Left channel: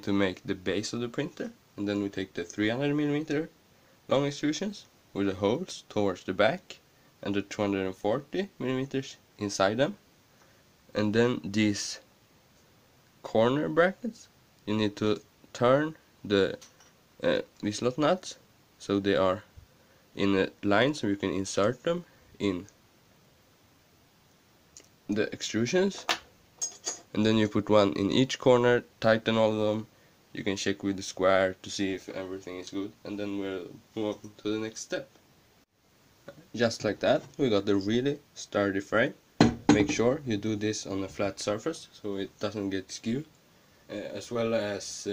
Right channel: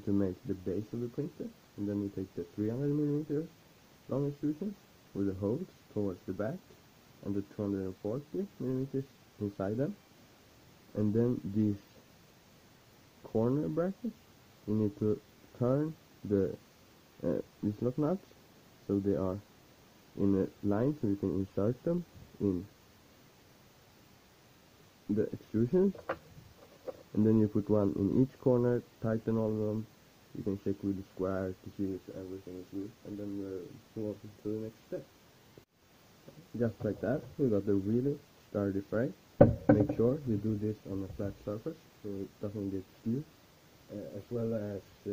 need to make the base of the printer, and then we take the 300mm long extrusions with the holes towards the back and the 240mm inside them. And then these corner brackets, you need to turn the V-slot nuts so they are in a line, so you can insert them in the extrusions. And then you put one in each corner, tighten all of them. You can check with the square to see if everything is good, and then we'll move on to the next step. Just like that, we got the really sturdy frame. Make sure you do this on a flat surface so it doesn't get skewed, as well as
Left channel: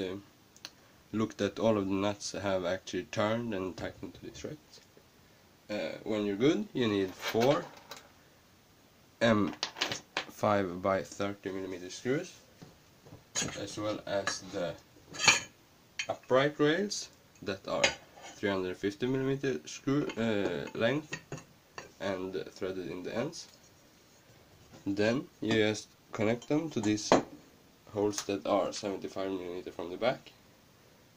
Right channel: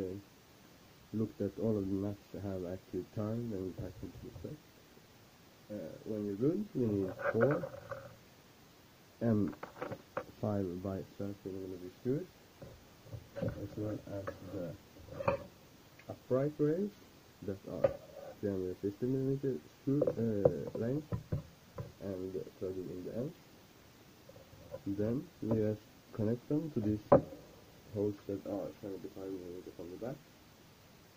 look that all of the nuts have actually turned and tightened to this, right? When you're good, you need 4 M5 by 30mm screws, as well as the upright rails that are 350mm screw length and threaded in the ends. Then you just connect them to these holes that are 75mm from the back,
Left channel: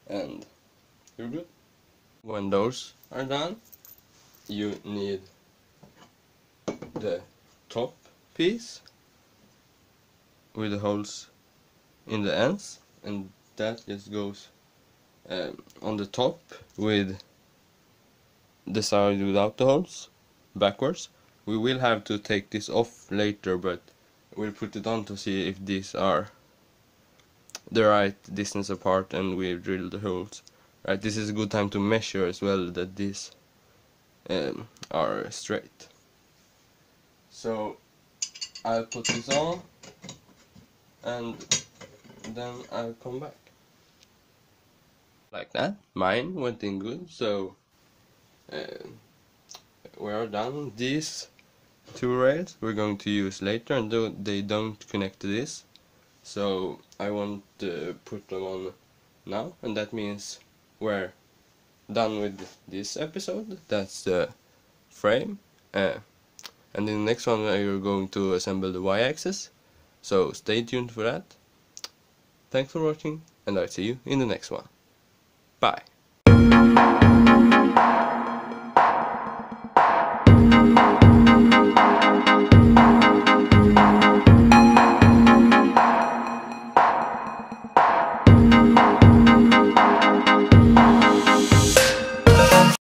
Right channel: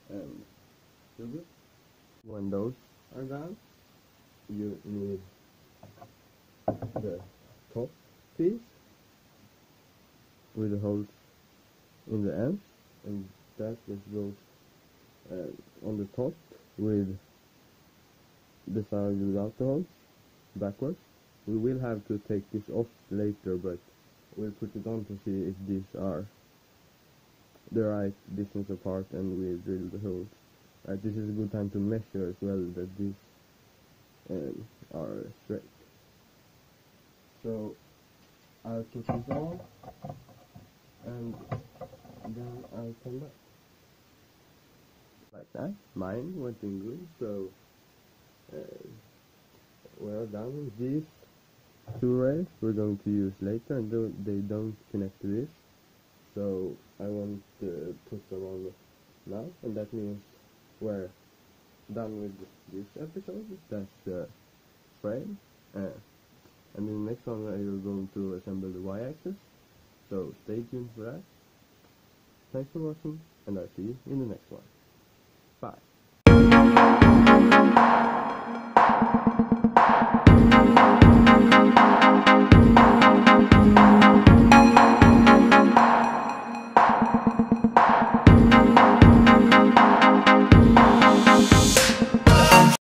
and you're good. When those are done, you need the top piece with the holes in the ends, and that just goes on the top with the side without the holes backwards. We will have to take this off later, but we'll put it on to see if these are the right distance apart and we've drilled the holes. Right, this is a good time to measure as well that these are straight. So I'll put this on and then I'll come back. Like that, mine went in good, so we are done. These 2 rails we're going to use later, and they don't connect to this, so I won't put them on now, and that means we're done with this episode. That's the frame, and in the next one we're going to assemble the y-axis, so stay tuned for that. Thanks for watching, and I'll see you in the next one. Bye.